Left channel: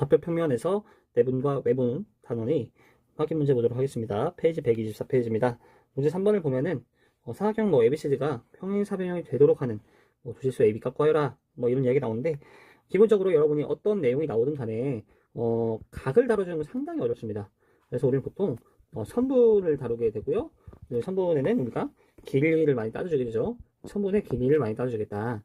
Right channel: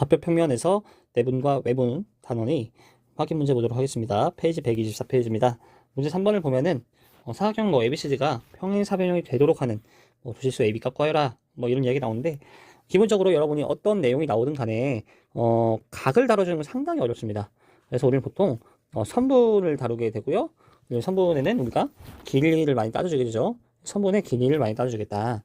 좌표 평면에서 내분과 외분 단원의 확인 문제 보도록 하겠습니다. 페이지 124페이지입니다. 문제 3번을 보면은 사각형 ABCD가 평행사변형이 되도록 하는 조실수 AB 값 구하여라 이런 이야기 나오는데, 기본적으로 여러분이 어떤 내용이 나오든 간에 각을 다뤄주는 건 상당히 어렵습니다. 그래서 우리는 보통 선분을 다루게 되고요. 선분에는 우리가 길이를 많이 따져주게 되죠. 선분의 길이를 많이 따져주겠다,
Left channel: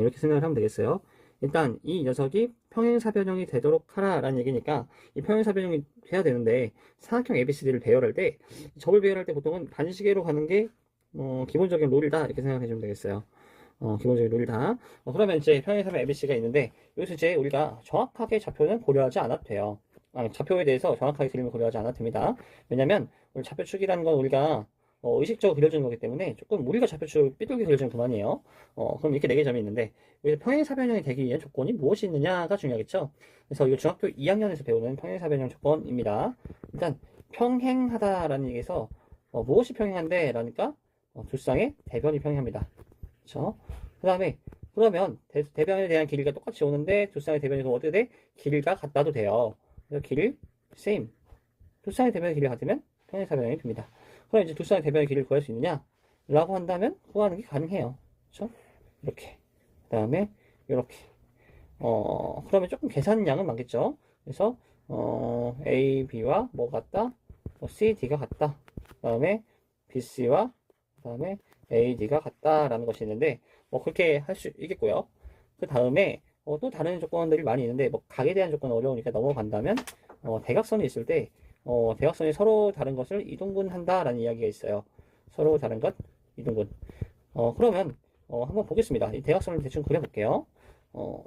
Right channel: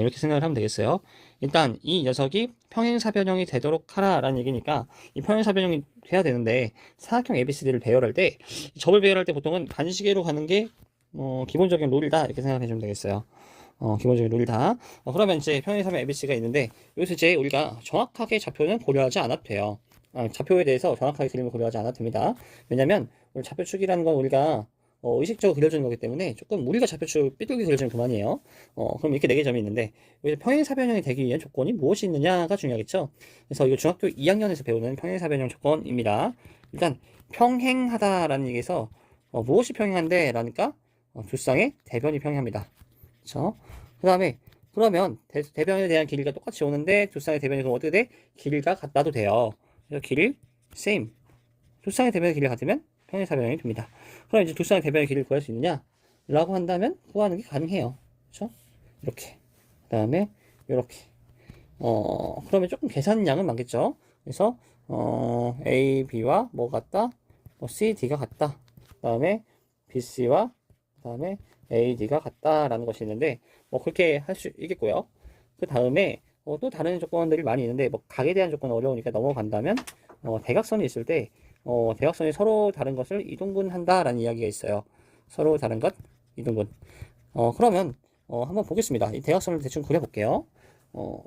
이렇게 생각을 하면 되겠어요. 일단 이 녀석이 평행사변형이 되도록 하라라는 얘기니까 이 평행사변형이 돼야 되는데, 사각형 ABCD를 배열할 때, 접을 배열할 때 보통은 반시계로 가는 게 기본적인 룰이다, 이렇게 생각해 주면 되겠어요. 기본적인 룰이다. 그러면 이제 평행사변 ABC가 있는데, 여기서 이제 우리가 정확하게 좌표는 고려하지 않아도 돼요. 좌표에 대해서 정확하게 그림을 고려하지 않아도 됩니다. 왜냐면 좌표축이라는 건 우리가 의식적으로 그려주는 거기 때문에 조금 우리가 좌표축 삐뚤게 그려주면 그만이에요. 그럼 이렇게 4개 점이 있는데, 여기서 평행사변형이 되기 위한 조건이 무엇이 있느냐가 중요하겠죠. 그래서 이거 중학교 2학년에서 배우는 평행사변형 조건입니다. 일단 평행하다라는 얘기에서 무엇이 평행한데 라니까 두 쌍의 대변이 평행합니다. 그렇죠? 그 다음에 그러면 대변에 대한 길이가 똑같이 오는데 두 쌍의 대변이 그럼 어떻게 돼? 길이가 같다도 돼요. 그래서 길이 same. 두 쌍의 대변의 길이가 같으면 평행사변형이 됩니다. 그럼 이제 두 쌍의 대변의 길이를 구할 수 있느냐? 라고 한다면 구하는 게 가능해요. 그렇죠? 이렇게. 그 다음에 이렇게. 그러면 조금 계산량은 많겠죠? 그래서 A, B와 뭐 같다? C, D가 같다. 그 다음에 B, C와 그 다음에 A, D가 같다라는 것이 있는데, 그렇게 할 수 있겠고요. 그 다음에 또 다른 조건들이 많이 있는데, 각에 대한 조건은 어려우니까 넘어간다면, 대각선이 있을 때 대각선이 서로 다른 것을 이동분한다라는 이야기가 있어요. 서로 다른 것 이동분. 그러면 한번 보겠습니다. 이 대각선을 대충 그려볼게요.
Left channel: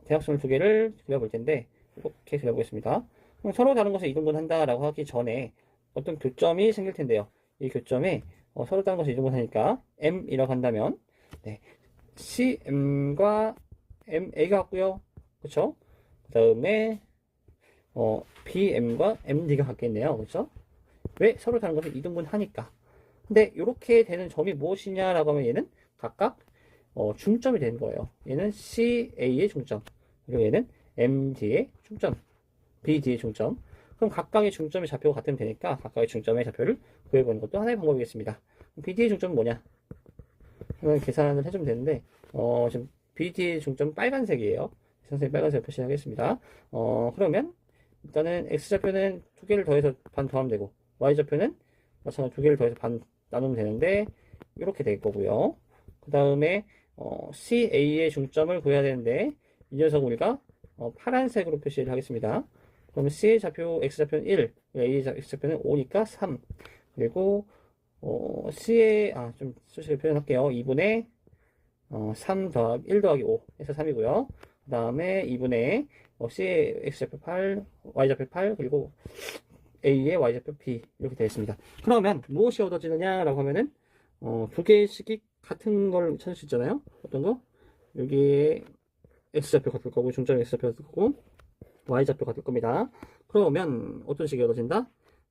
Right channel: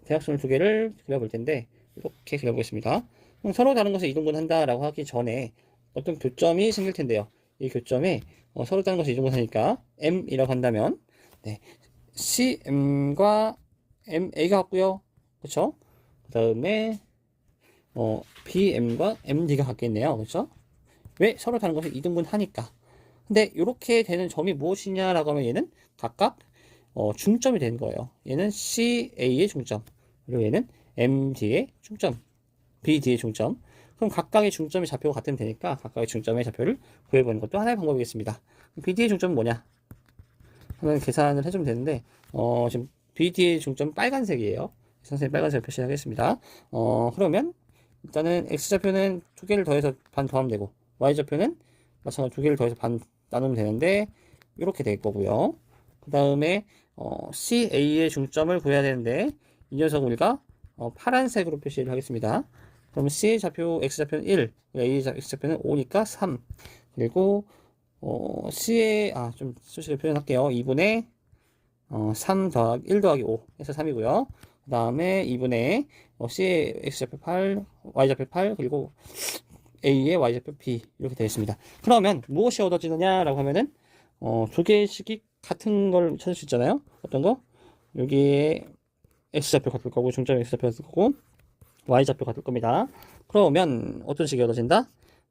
대각선을 두 개를 그려볼 텐데, 이렇게 그려보겠습니다. 그럼 서로 다른 것을 이동분한다라고 하기 전에 어떤 교점이 생길 텐데요. 이 교점에 서로 다른 것을 이동분하니까 M이라고 한다면, 네, CM과 MA가 같고요. 그렇죠? 그 다음에 BM과 MD가 같겠네요. 그렇죠? 왜? 서로 다른 것을 이등분 하니까. 근데 이렇게 되는 점이 무엇이냐라고 하면 얘는 각각 중점이 되는 거예요. 얘는 CA의 중점, 그리고 얘는 MD의 중점, BD의 중점. 그럼 각각의 중점이 좌표가 같으면 되니까 각각의 중점의 좌표를 구해보는 것도 하나의 방법이겠습니다. BD의 중점은 뭐냐? 한번 계산을 해주면 되는데, 지금 BD의 중점 빨간색이에요. 선생님 빨간색을 표시하겠습니다. 그러면 일단은 X좌표는 두 개를 더해서 반 더하면 되고, Y좌표는 마찬가지로 두 개를 더해서 반 나누면 되는데, 이렇게 될 거고요. 그 다음에 CA의 중점을 구해야 되는데, 이 녀석 우리가 파란색으로 표시를 하겠습니다. 그러면 C의 좌표 X좌표는 1, A의 X좌표는 5니까 3. 그리고 C의 좀 수식을 표현할게요. 2분의 3 더하기 1 더하기 5 해서 3이고요. 그 다음에 2분의 C의 X좌표 8, Y좌표 8, 그리고 A의 Y좌표 B 이렇게 되어 있습니다. 그러면 무엇이 얻어지느냐라고 하면은 두 개씩이 같은 걸 찾을 수 있잖아요. 어떤 거? 여기에 X좌표 같을 거고, 중점 X좌표 같을 거고, Y좌표 같을 겁니다. 그러면 어떤 식이 얻어진다?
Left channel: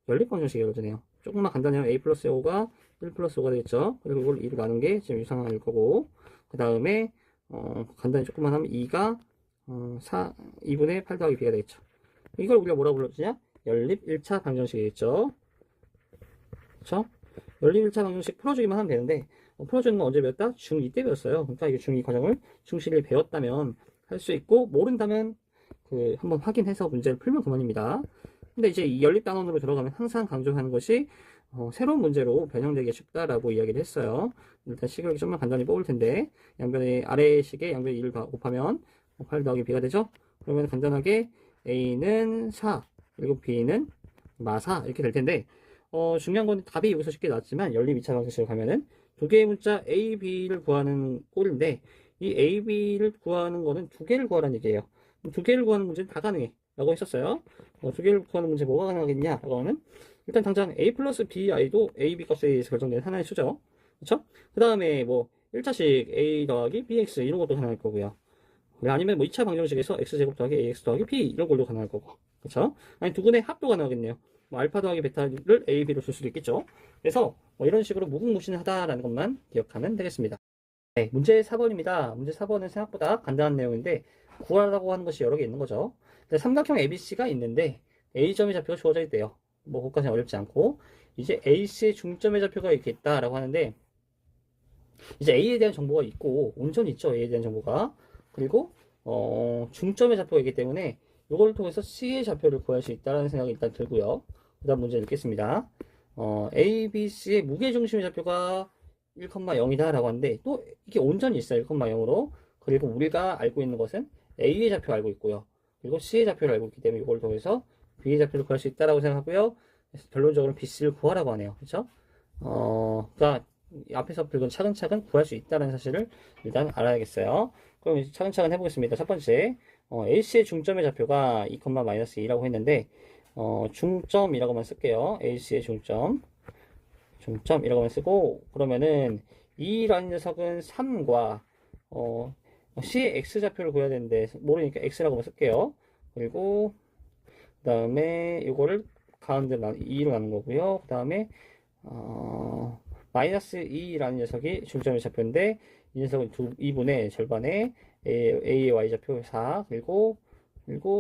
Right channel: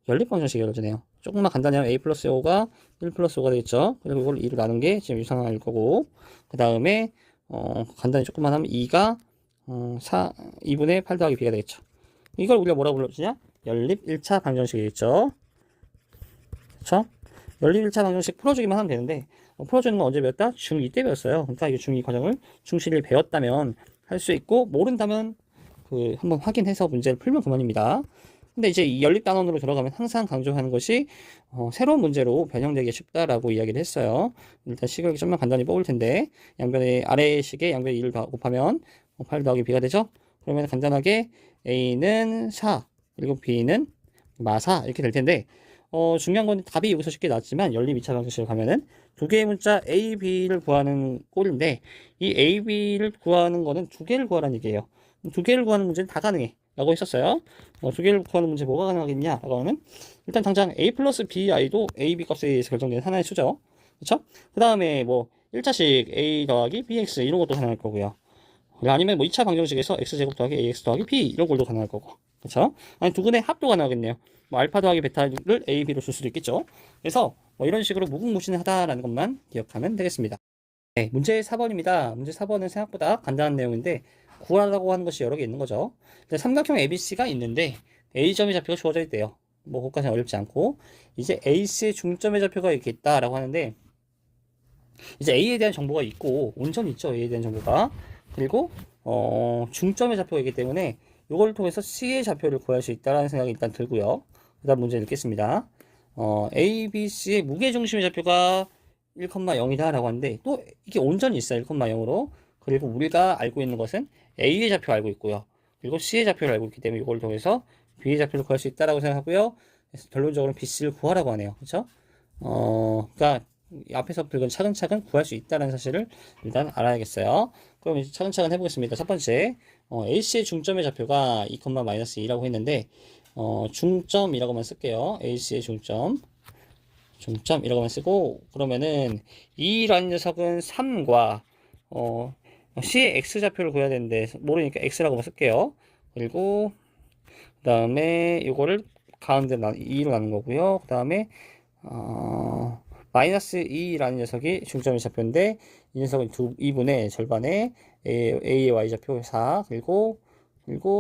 연립방정식이 얻어지네요. 조금만 간단해요. A 플러스 5가 1 플러스 5가 되겠죠. 그리고 이걸 2로 나눈 게 지금 유상항일 거고, 그 다음에 간단히 조금만 하면 2가 2분의 8 더하기 B가 되겠죠. 이걸 우리가 뭐라고 불러주냐? 연립 1차 방정식이겠죠. 그쵸? 연립 1차 방정식 풀어주기만 하면 되는데, 풀어주는 건 언제 배웠다? 중2 때 배웠어요. 그러니까 이 중2 과정을 중1을 배웠다면 할 수 있고, 모른다면 한번 확인해서 문제를 풀면 그만입니다. 근데 이제 이 연립 단원으로 들어가면 항상 강조하는 것이 새로운 문제로 변형되기 쉽다라고 이야기를 했어요. 일단 식을 좀만 간단히 뽑을 텐데, 양변의 아래 식에 양변의 2를 곱하면 8 더하기 B가 되죠. 그러면 간단하게 A는 4, 그리고 B는 마사 이렇게 될 텐데, 중요한 건 답이 여기서 쉽게 나왔지만 연립 2차 방정식으로 가면은 두 개의 문자 A, B를 구하는 꼴인데, 이 A, B를 구하는 거는 두 개를 구하라는 얘기예요. 두 개를 구하는 문제는 다 가능해 라고 했었어요. 두 개를 구하는 문제 뭐가 가능하겠냐 라고 하면, 일단 당장 A 플러스 BI도 A, B 값에 의해서 결정되는 하나의 수죠. 그쵸? 그 다음에 1자씩 A 더하기 BX 이런 것도 가능할 거고요. 아니면 2차 방정식에서 X제곱 더하기 AX 더하기 B 이런 걸도 가능할 거고. 그쵸? 아니 두 근의 합도 가능하겠네요. 알파 더하기 베타를 A, B로 줄 수도 있겠죠. 그래서 이런 식으로 무궁무진하다라는 것만 기억하면 되겠습니다. 네, 문제 4번입니다. 문제 4번은 생각보다 간단한 내용인데, 구하라고 하는 것이 여러 개 있는 거죠. 삼각형 ABC가 있는데 A점의 좌표가 주어져 있대요. 뭐 그것까지는 어렵지 않고 이제 AC의 중점의 좌표가 이렇게 있다라고 하는데 이제 A에 대한 정보가 있고 온전히 있죠. A에 대한 정보가. 그리고 중점의 좌표가 있기 때문에 이걸 통해서 C의 좌표를 구할 수 있다는 생각이 일단 들고요. 그 다음 문제 읽겠습니다. A, B, C의 무게중심의 좌표가 1,0이다 라고 하는데 또 이게 온전히 있어요. 1,0으로. 그리고 우리가 알고 있는 것은 A의 좌표 알고 있고요. 그리고 C의 좌표를 알고 있기 때문에 이걸 통해서 B의 좌표를 구할 수 있다라고 생각하고요. 그래서 결론적으로 BC를 구하라고 하네요. 그렇죠? 그러니까 앞에서 긁은 차근차근 구할 수 있다는 사실을 일단 알아야겠어요. 그럼 이제 차근차근 해보겠습니다. 첫 번째, AC의 중점의 좌표가 2,-2라고 했는데, 중점이라고만 쓸게요. AC의 중점이라고만 쓰고, 그러면은, 2라는 녀석은 3과, C의 X좌표를 구해야 되는데, 모르니까 X라고만 쓸게요. 그리고, 그 다음에, 이거를 가운데 2로 나눈 거고요. 그 다음에, 마이너스 2라는 녀석이 중점의 좌표인데, 이 녀석은 2분의 절반에 A의 Y좌표 4, 그리고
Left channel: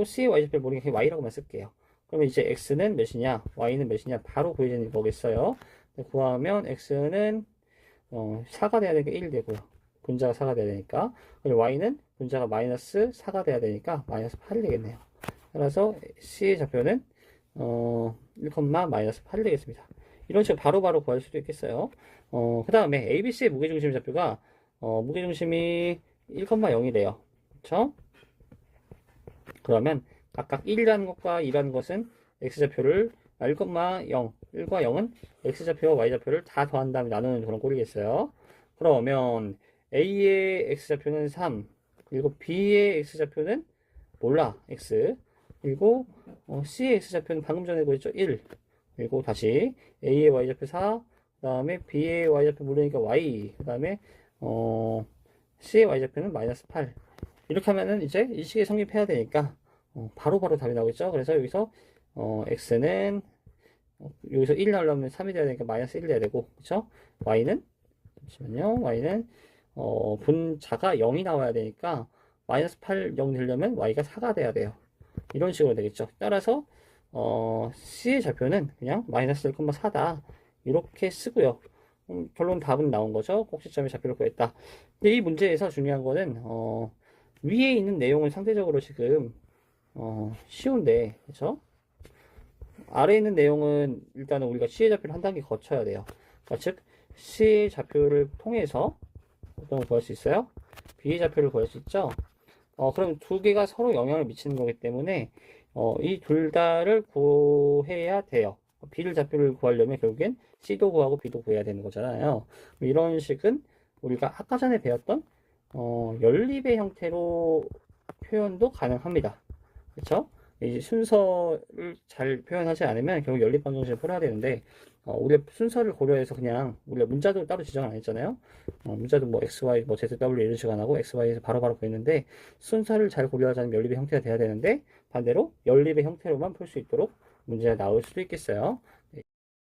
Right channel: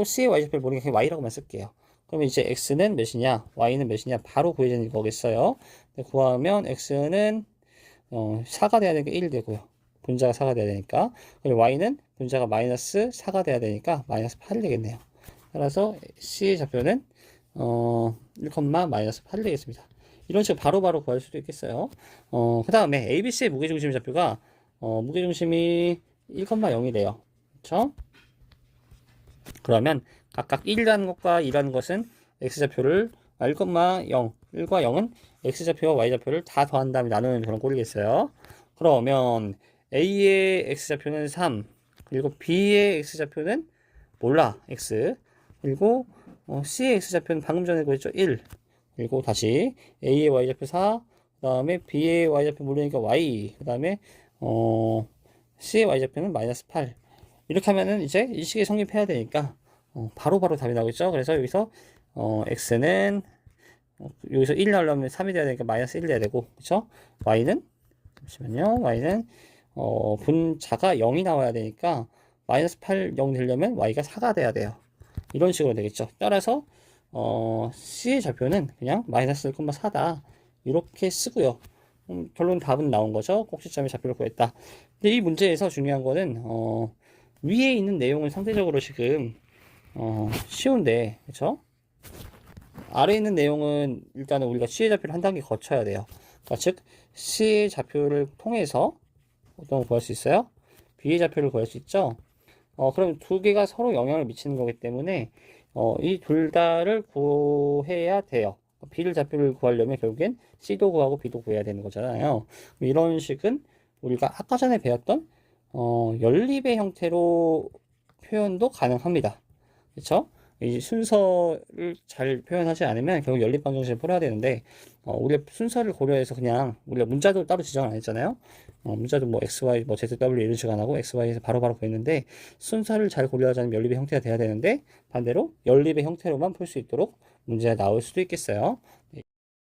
C의 Y좌표를 모르니까 그냥 Y라고만 쓸게요. 그러면 이제 X는 몇이냐, Y는 몇이냐, 바로 구해지는 거겠어요. 구하면 X는 4가 돼야 되니까 1 되고요. 분자가 4가 돼야 되니까. 그리고 Y는 분자가 마이너스 4가 돼야 되니까 마이너스 8이 되겠네요. 따라서 C의 좌표는 1, 마이너스 8이 되겠습니다. 이런 식으로 바로바로 구할 수도 있겠어요. 그 다음에 ABC의 무게중심 좌표가 무게중심이 1,0이래요. 그쵸? 그러면 각각 1이라는 것과 2라는 것은 X좌표를 1,0, 1과 0은 X좌표와 Y좌표를 다 더한 다음에 나누는 그런 꼴이겠어요. 그러면 A의 X좌표는 3, 그리고 B의 X좌표는 몰라, X. 그리고 C의 X좌표는 방금 전에 구했죠, 1. 그리고 다시 A의 Y좌표 4, 그 다음에 B의 Y좌표 모르니까 Y, 그 다음에 C의 Y좌표는 마이너스 8. 이렇게 하면은 이제 이 식이 성립해야 되니까 바로바로 답이 나오겠죠. 그래서 여기서 X는 여기서 1 나오려면 3이 돼야 되니까 마이너스 1이 돼야 되고, 그쵸? Y는 잠시만요. Y는 분자가 0이 나와야 되니까 마이너스 8, 0 되려면 Y가 4가 돼야 돼요. 이런 식으로 되겠죠. 따라서 C의 좌표는 그냥 마이너스 1,4다. 이렇게 쓰고요. 결론 답은 나온 거죠. 꼭지점의 좌표를 구했다. 근데 이 문제에서 중요한 거는 위에 있는 내용은 상대적으로 지금 쉬운데, 그렇죠? 아래에 있는 내용은 일단은 우리가 C의 좌표를 한 단계 거쳐야 돼요. 그러니까 즉 C의 좌표를 통해서 어떤 걸 구할 수 있어요? B의 좌표를 구할 수 있죠. 그럼 두 개가 서로 영향을 미치는 거기 때문에 이 둘 다를 구해야 돼요. B를 좌표를 구하려면 결국엔 C도 구하고 B도 구해야 되는 거잖아요. 이런 식은 우리가 아까 전에 배웠던 연립의 형태로 표현도 가능합니다. 그렇죠? 이 순서를 잘 표현하지 않으면 결국 연립 방정식을 풀어야 되는데 우리가 순서를 고려해서 그냥 우리가 문자도 따로 지정 안 했잖아요. 문자도 뭐 XY, 뭐 ZW 이런 식으로 안 하고 XY에서 바로바로 구했는데 순서를 잘 고려하자면 연립의 형태가 돼야 되는데 반대로 연립의 형태로만 풀 수 있도록 문제가 나올 수도 있겠어요.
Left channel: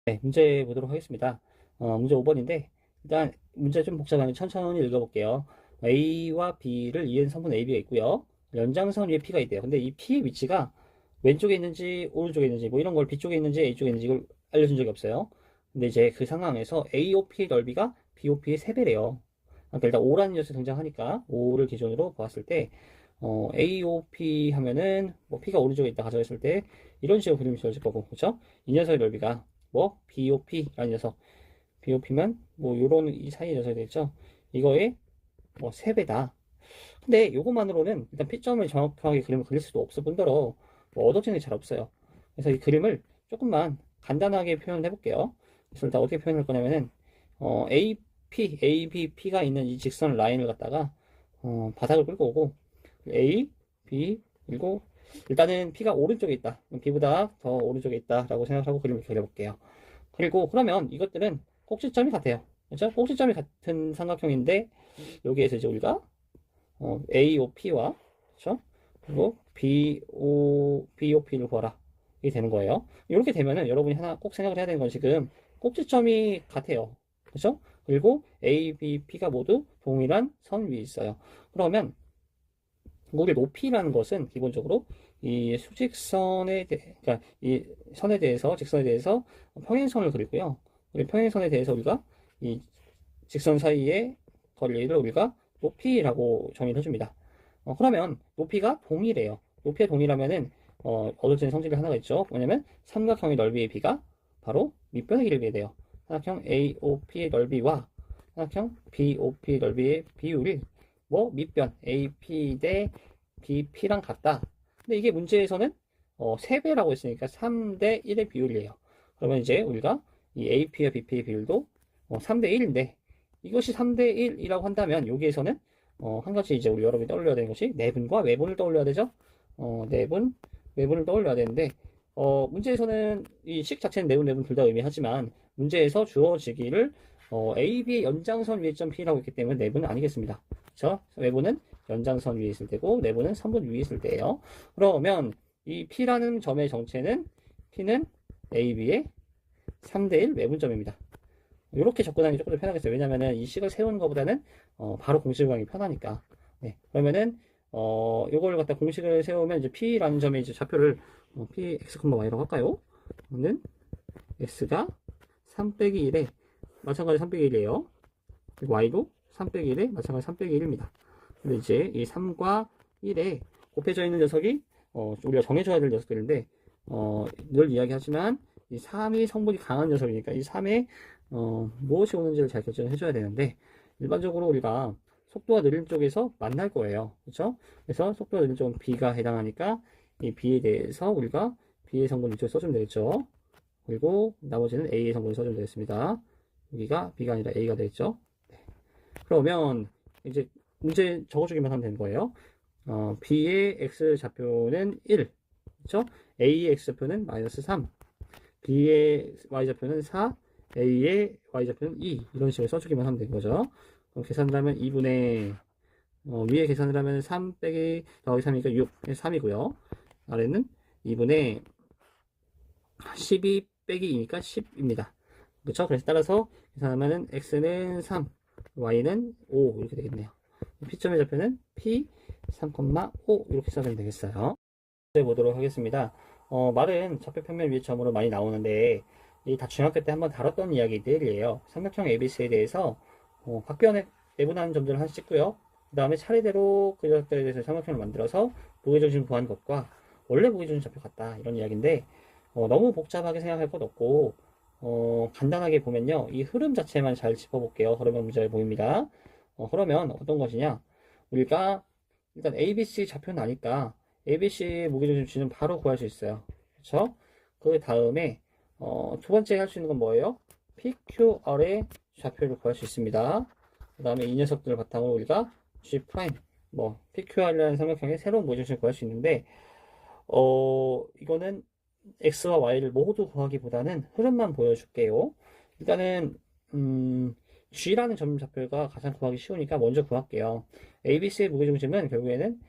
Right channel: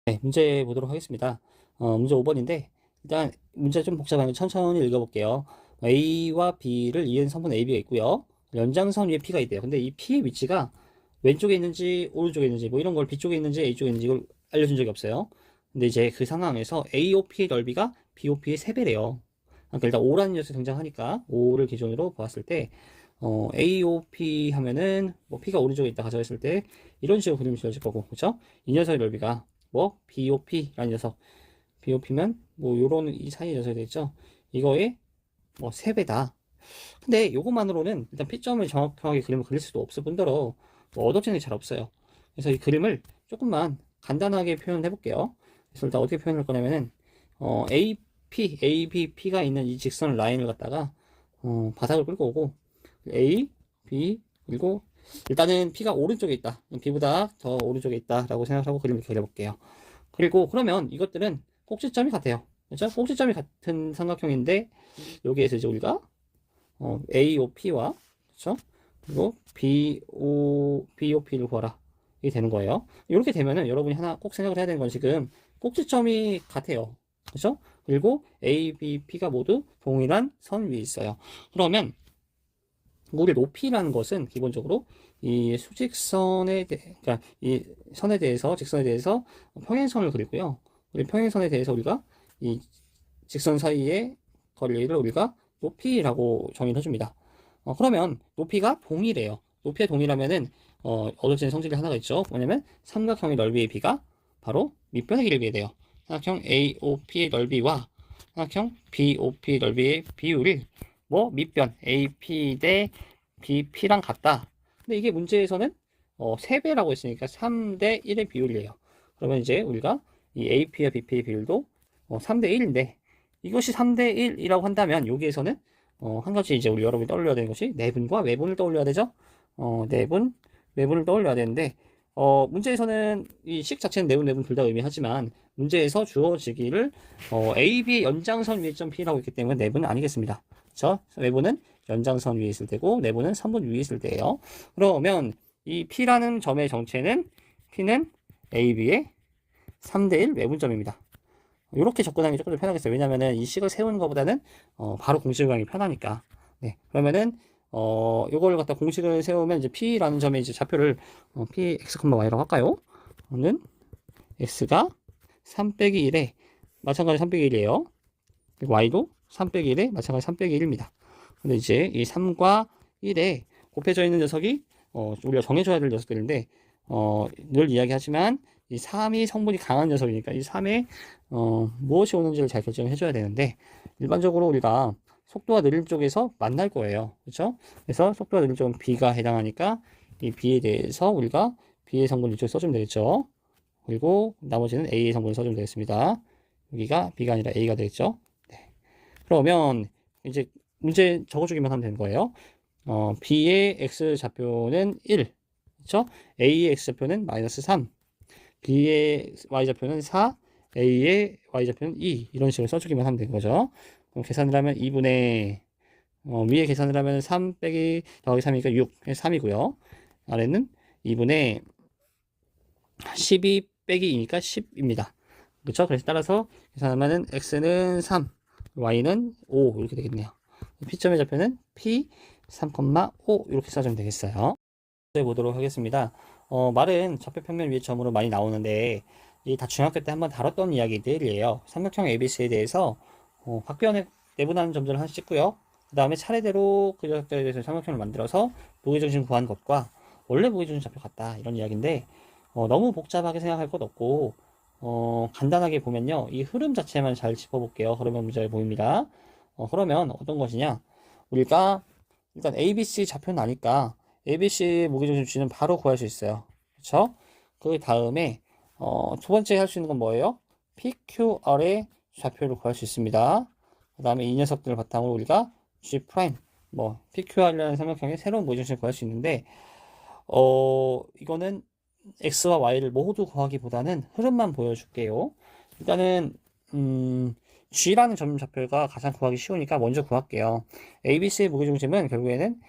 네, 문제 보도록 하겠습니다. 문제 5번인데 일단 문제 좀 복잡한데 천천히 읽어볼게요. A와 B를 이은 성분 AB가 있고요. 연장선 위에 P가 있대요. 근데 이 P의 위치가 왼쪽에 있는지 오른쪽에 있는지 뭐 이런 걸 B쪽에 있는지 A쪽에 있는지 이걸 알려준 적이 없어요. 근데 이제 그 상황에서 AOP의 넓이가 BOP의 3배래요. 그러니까 일단 5라는 녀석이 등장하니까 5를 기준으로 보았을 때 AOP 하면은 뭐 P가 오른쪽에 있다 가정했을 때 이런 식으로 그림이 지어질 거고, 그렇죠? 이 녀석의 넓이가 뭐 BOP라는 녀석, BOP면 뭐 요런 이 사이의 녀석이 되겠죠. 이거의 뭐 3배다. 근데 이것만으로는 일단 P점을 정확하게 그림을 그릴 수도 없을 뿐더러 뭐 얻어지는 게 잘 없어요. 그래서 이 그림을 조금만 간단하게 표현해 볼게요. 그래서 일단 어떻게 표현할 거냐면은 AP, AB, P가 있는 이 직선 라인을 갖다가 바닥을 끌고 오고 A, B 그리고 일단은 P가 오른쪽에 있다. B보다 더 오른쪽에 있다라고 생각하고 그림을 그려볼게요. 그리고 그러면 이것들은 꼭지점이 같아요. 그렇죠? 꼭지점이 같은 삼각형인데 여기에서 이제 우리가 AOP와 그렇죠? 그리고 BOP를 구하라. 이게 되는 거예요. 이렇게 되면은 여러분이 하나 꼭 생각을 해야 되는 건 지금 꼭지점이 같아요. 그렇죠? 그리고 A, B, P가 모두 동일한 선 위에 있어요. 그러면 우리 높이라는 것은 기본적으로 이 수직선에 그러니까 이 선에 대해서 직선에 대해서 평행선을 그리고요. 우리 평행선에 대해서 우리가 이 직선 사이의 거리를 우리가 높이라고 정의를 해줍니다. 그러면 높이가 동일해요. 높이가 동일하면은 얻어지는 성질이 하나가 있죠. 뭐냐면 삼각형의 넓이의 비가 바로 밑변의 길이에 돼요. 삼각형 AOP의 넓이와 삼각형 BOP 넓이의 비율이 뭐 밑변 AP 대 BP랑 같다. 근데 이게 문제에서는 3배라고 했으니까 3대 1의 비율이에요. 그러면 이제 우리가 이 AP와 BP의 비율도 3대 1인데 이것이 3대 1이라고 한다면 여기에서는 한 가지 이제 우리 여러분이 떠올려야 되는 것이 내분과 외분을 떠올려야 되죠. 내분, 외분을 떠올려야 되는데 문제에서는 이 식 자체는 내분 둘 다 의미하지만 문제에서 주어지기를 AB의 연장선 위에 점 P라고 했기 때문에 내분은 아니겠습니다. 그렇죠? 외분은 연장선 위에 있을 때고 내분은 선분 위에 있을 때예요. 그러면 이 P라는 점의 정체는 P는 AB의 3대1 외분점입니다. 이렇게 접근하기 조금 더 편하겠어요. 왜냐면은 이 식을 세우는 것보다는 바로 공식을 구하기 편하니까. 네. 그러면은 요걸 갖다 공식을 세우면 이제 P라는 점의 이제 좌표를 P x, y라고 할까요? 는 x가 3 빼기 1에 마찬가지 3 빼기 1이에요. 그리고 y도 3 빼기 1에 마찬가지 3 빼기 1입니다. 근데 이제 이 3과 1에 곱해져 있는 녀석이 우리가 정해줘야 될 녀석들인데 늘 이야기하지만 이 3이 성분이 강한 녀석이니까 이 3에 무엇이 오는지를 잘 결정해 줘야 되는데 일반적으로 우리가 속도가 느린 쪽에서 만날 거예요. 그렇죠? 그래서 속도가 느린 쪽은 B가 해당하니까 이 B에 대해서 우리가 B의 성분 이쪽에 써주면 되겠죠. 그리고 나머지는 A의 성분을 써주면 되겠습니다. 여기가 B가 아니라 A가 되겠죠. 네. 그러면 이제 문제 적어주기만 하면 되는 거예요. B의 X 좌표는 1. 그렇죠? A의 X 좌표는 마이너스 3. B의 Y 좌표는 4. A의 Y좌표는 2 이런 식으로 써주기만 하면 되는 거죠. 그럼 계산을 하면 2분의 위에 계산을 하면 3 빼기 더하기 3이니까 6 3이고요. 아래는 2분의 12 빼기 2니까 10입니다. 그렇죠? 그래서 따라서 계산하면은 x는 3 y는 5 이렇게 되겠네요. P점의 좌표는 P 3,5 이렇게 써주면 되겠어요. 해 보도록 하겠습니다. 말은 좌표 평면 위의 점으로 많이 나오는데 이 다 중학교 때 한번 다뤘던 이야기들이에요. 삼각형 ABC에 대해서 각 변에 내분하는 점들을 하나씩 찍고요. 그 다음에 차례대로 그 녀석들에 대해서 삼각형을 만들어서 무게중심 구한 것과 원래 무게중심 좌표 같다 이런 이야기인데 너무 복잡하게 생각할 것 없고 간단하게 보면요. 이 흐름 자체만 잘 짚어볼게요. 흐름의 문제를 보입니다. 그러면 어떤 것이냐? 우리가 일단 ABC 좌표는 아니까 ABC 무게중심치는 바로 구할 수 있어요. 그렇죠? 그 다음에 두 번째 할 수 있는 건 뭐예요? PQR의 좌표를 구할 수 있습니다. 그 다음에 이 녀석들을 바탕으로 우리가 G', PQR이라는 삼각형의 새로운 무게중심을 구할 수 있는데 이거는 X와 Y를 모두 구하기보다는 흐름만 보여줄게요. 일단은 G라는 점 좌표가 가장 구하기 쉬우니까 먼저 구할게요. ABC의 무게중심은 결국에는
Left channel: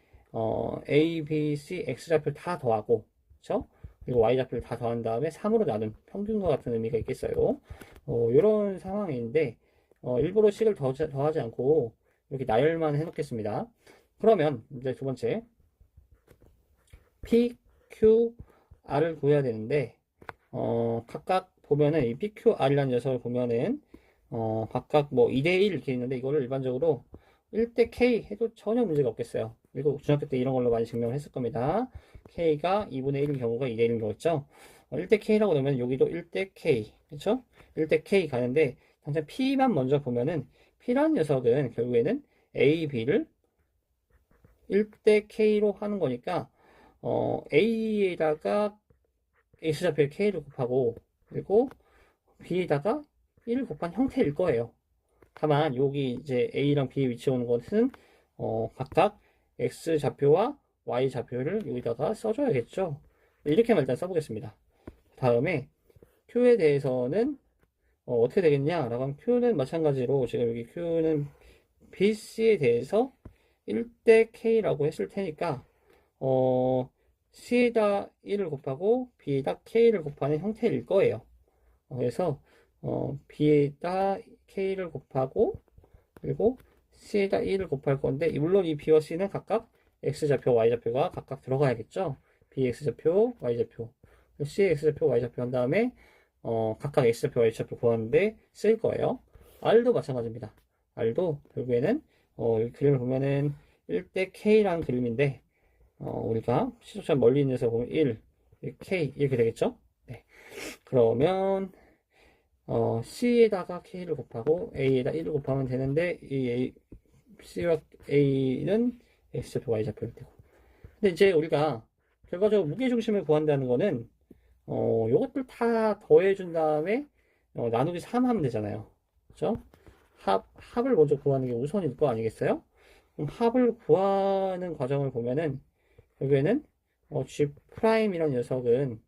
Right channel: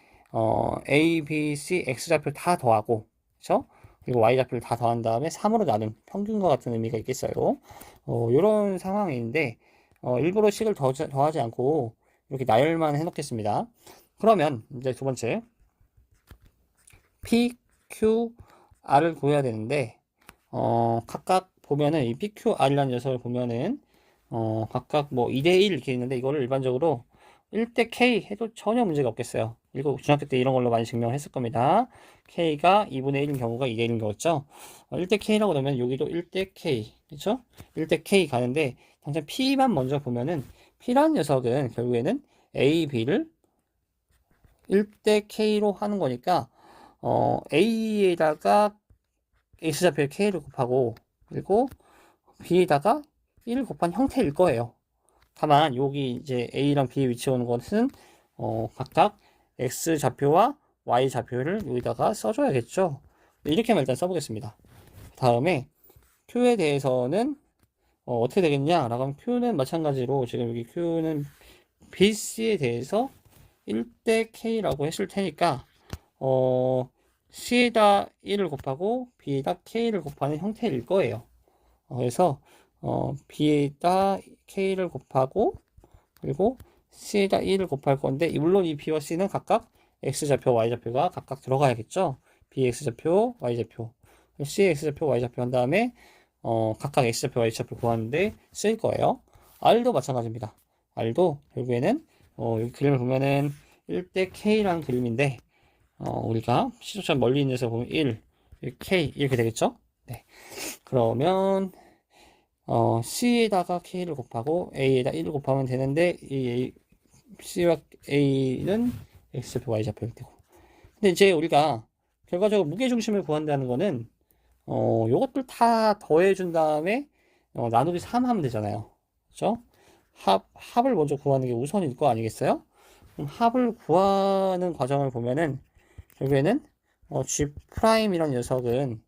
A, B, C, X 좌표를 다 더하고, 그쵸? 그리고 Y 좌표를 다 더한 다음에 3으로 나눈 평균과 같은 의미가 있겠어요. 이런 상황인데, 일부러 식을 더하지 않고, 이렇게 나열만 해놓겠습니다. 그러면, 이제 두 번째, P, Q, R을 구해야 되는데, 각각 보면은, 이 P, Q, R이라는 녀석을 보면은, 각각 뭐 2대1 이렇게 있는데, 이거를 일반적으로 1대 K 해도 전혀 문제가 없겠어요. 이거 중학교 때 이런 걸로 많이 증명을 했을 겁니다. K가 2분의 1인 경우가 2대 1인 경우죠. 1대 K라고 넣으면 여기도 1대 K. 그렇죠? 1대 K 가는데 당장 P만 먼저 보면은 P라는 녀석은 결국에는 A, B를 1대 K로 하는 거니까 A에다가 X좌표에 K를 곱하고 그리고 B에다가 1을 곱한 형태일 거예요. 다만 여기 이제 A랑 B에 위치해 오는 것은 각각 X 좌표와 Y 좌표를 여기다가 써줘야겠죠. 이렇게만 일단 써보겠습니다. 다음에 Q에 대해서는 어떻게 되겠냐 라고 하면 Q는 마찬가지로 지금 여기 Q는 BC에 대해서 1대 K라고 했을 테니까 C에다 1을 곱하고 B에다 K를 곱하는 형태일 거예요. 그래서 B에다 K를 곱하고 그리고 C에다 1을 곱할 건데 물론 이 B와 C는 각각 X좌표, Y좌표가 각각 들어가야겠죠? BX좌표, Y좌표, CX좌표, Y좌표 한 다음에 각각 X좌표, Y좌표 구하는데 쓰일 거예요. R도 마찬가지입니다. R도 결국에는 이 그림을 보면은 1대 K라는 그림인데 우리가 시초점 멀리 있는 데서 보면 1, K 이렇게 되겠죠? 네. 그러면 C에다가 K를 곱하고 A에다 1을 곱하면 되는데 이 C와 A는 X좌표, Y좌표일 테고. 근데 이제 우리가 결과적으로 무게중심을 구한다는 거는 요것들 다 더해준 다음에 나누기 3 하면 되잖아요. 그죠? 합을 먼저 구하는 게 우선일 거 아니겠어요? 그럼 합을 구하는 과정을 보면은 결국에는 G'이라는 녀석은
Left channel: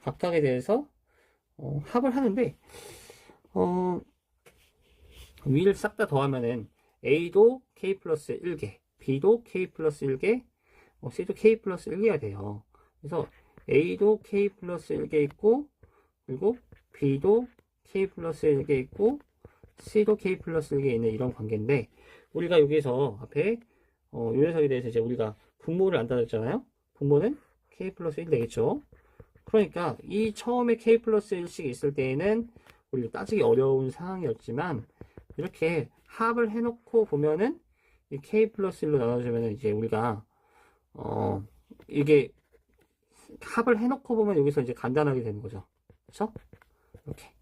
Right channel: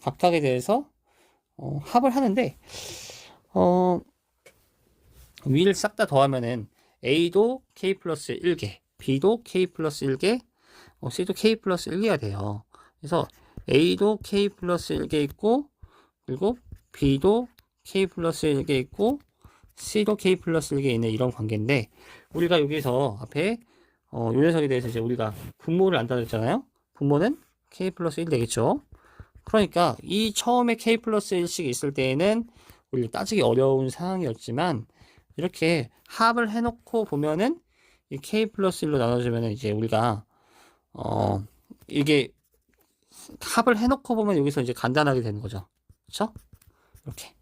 각각에 대해서 합을 하는데 위를 싹 다 더하면은 A도 K 플러스 1개, B도 K 플러스 1개, C도 K 플러스 1개가 돼요. 그래서 A도 K 플러스 1개 있고, 그리고 B도 K 플러스 1개 있고, C도 K 플러스 1개 있는 이런 관계인데, 우리가 여기서 앞에 요 녀석에 대해서 이제 우리가 분모를 안 따졌잖아요. 분모는 K 플러스 1 되겠죠. 그러니까 이 처음에 K 플러스 1씩 있을 때에는 우리 따지기 어려운 상황이었지만 이렇게 합을 해놓고 보면은 이 K 플러스 1로 나눠주면은 이제 우리가 이게 합을 해놓고 보면 여기서 이제 간단하게 되는 거죠. 그렇죠? 이렇게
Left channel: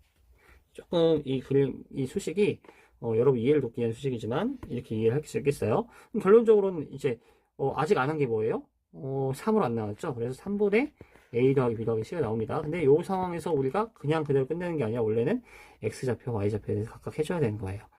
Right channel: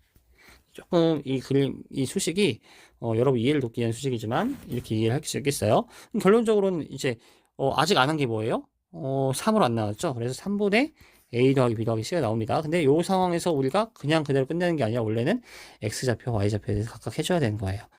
조금 이 그림 이 수식이 여러분 이해를 돕기 위한 수식이지만 이렇게 이해를 할 수 있겠어요. 그럼 결론적으로는 이제 아직 안 한 게 뭐예요? 3으로 안 나왔죠. 그래서 3분의 A 더하기 B 더하기 C가 나옵니다. 근데 이 상황에서 우리가 그냥 그대로 끝내는 게 아니라 원래는 X좌표, Y좌표에 대해서 각각 해줘야 되는 거예요.